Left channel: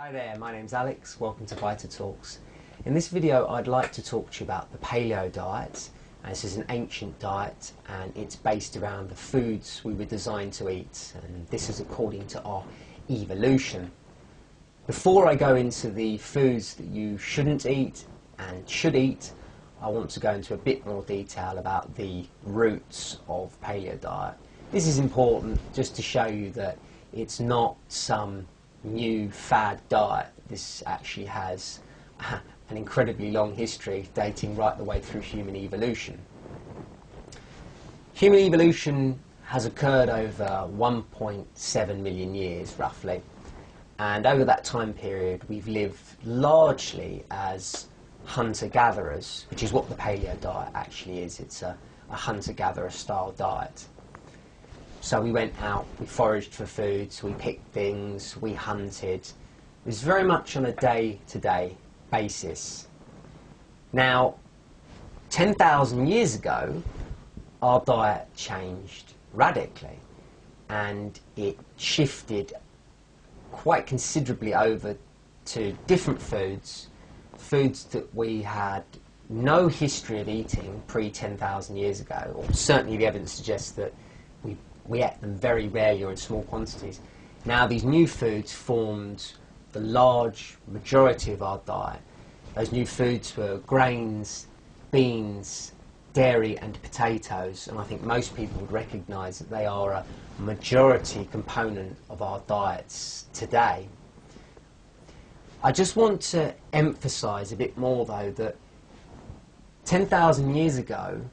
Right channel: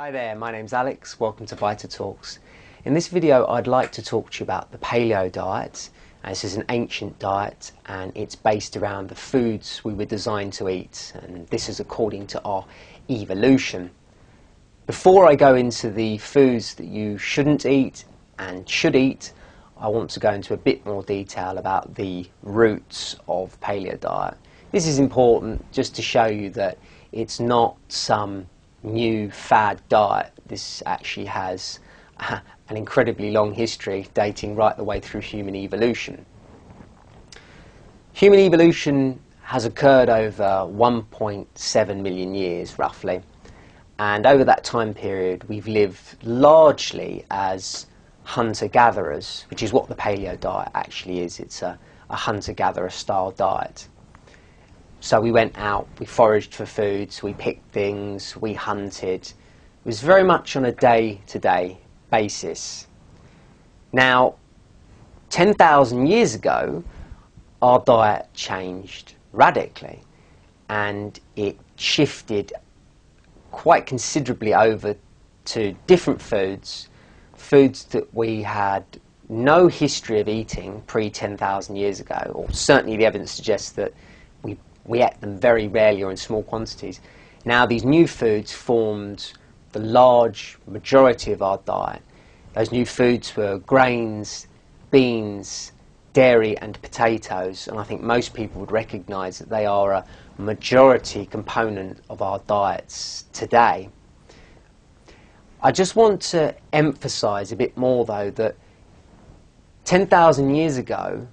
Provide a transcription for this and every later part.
Hi there, my name's Alex, welcome to Vita Talks. In this video I'd like to talk to you about the paleo diet. This is an ancient diet and it's based around the foods we were designed to eat, and this is according to our evolution. Before I go into the foods that you shouldn't eat and should eat, I want to go into a bit more detail about the roots of paleo diet. This is important just to show you that it's not some new fad diet. This actually has an incredibly long history dating right the way through human evolution. Human evolution has occurred over 1.7 million years roughly, and over that time period we've lived largely as hunter-gatherers, which is what the paleo diet actually is. It's a hunter-gatherer style diet. So we went out, we foraged for foods, we picked things, we hunted. It was very much on a day-to-day basis. Now, 10,000 years ago, our diet changed radically, and it shifted quite considerably over to different foods that we had no history of eating pre-10,000 years ago, or certainly the evidence suggests that we ate them very rarely or in small quantities. Now these new foods formed the large majority of our diet. Those new foods were grains, beans, dairy and potatoes, and I think most people would recognise that they are a majority component of our diets today. I just want to emphasise a bit more though that 10,000 years ago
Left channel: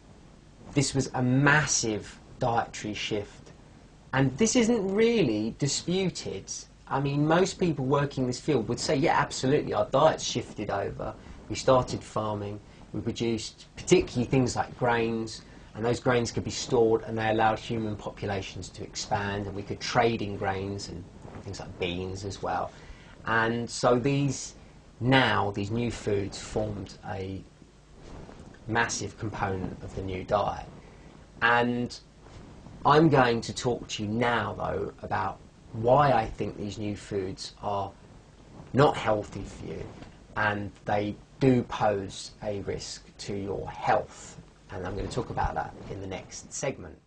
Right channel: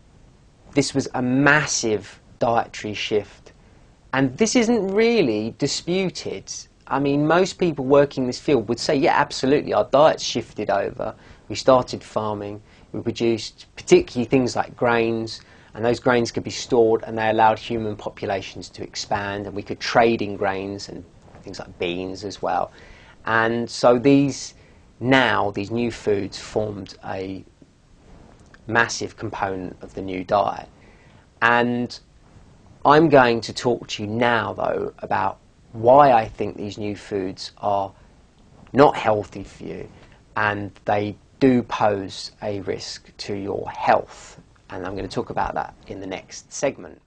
this was a massive dietary shift, and this isn't really disputed. I mean, most people working in this field would say, yeah, absolutely, our diets shifted over. We started farming, we produced particularly things like grains, and those grains could be stored and they allowed human populations to expand, and we could trade in grains and things like beans as well. And so these new foods formed a massive component of the new diet. And I'm going to talk to you now, though, about why I think these new foods are not healthy for you, and they do pose a risk to your health. And I'm going to talk about that in the next segment.